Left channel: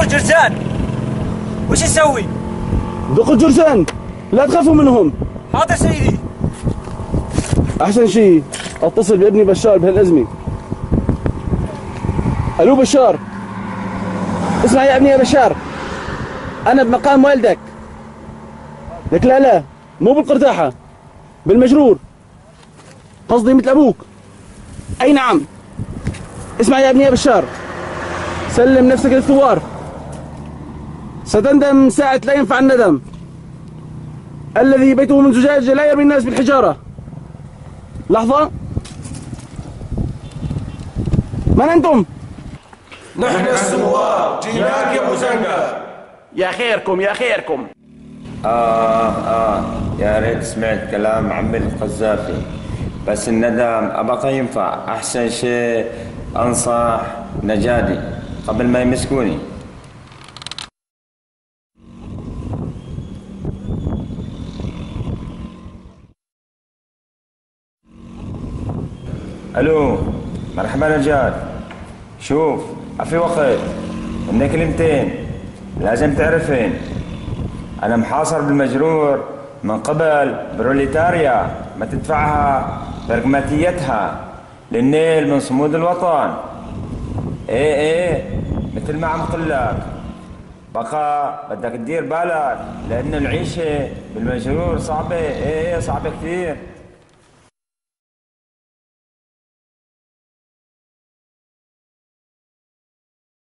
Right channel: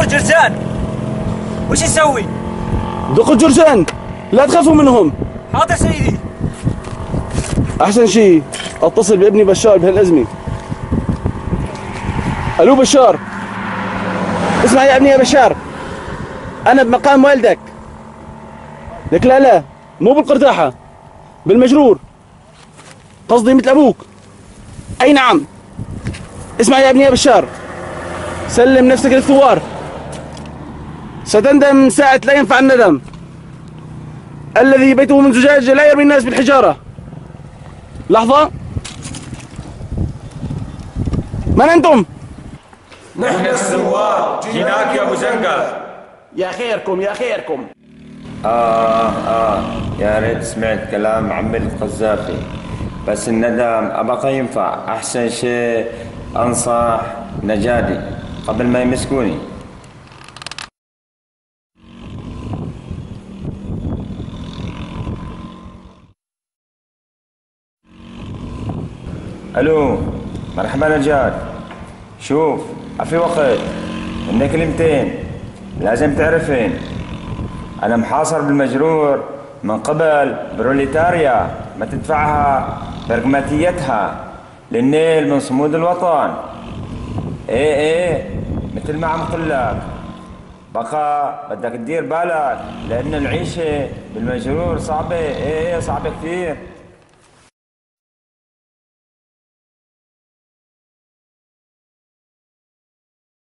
دور جرزان. وش نسوي؟ دقوا الجرزان، لا تخافوا منهم. حاضر سيدي. احسن شيء اتصل بابني بشار بهالازمه. الو بشار، اسمع يا ابني يا بشار، انا بمقام والدك. لك لا مو بالقرداحه، بالمجرور، قصدي مثل ابوك. اي نعم. اسمع يا ابني يا بشار، سلم نفسك للثوار، ستندم ساعة لا ينفع الندم. الذي بيته من زجاج لا يرمي الناس بالحجارة. لحظة، من أنتم؟ نحن الثوار، جيناك يا أبو زنقة. يا خيركم يا خيركم. يا ريت سمعت كلام عمي القذافي، بس الندم أبقى ينفع. أحسن شيء أنصح نجادي قبل ما يمسكوني. ألو، مرحبا نجاد. شوف، في وقت إن كلمتين لازم تعرفين. أنا محاصر بالمجرور من قبل بروليتاريا ما تدفعها برقماتيتها للنيل من صمود الوطن. ايه مثل ما عم قلك، بقى بدك تدير بالك لأن العيشة بالمجرور صعبة. صعبة كثير.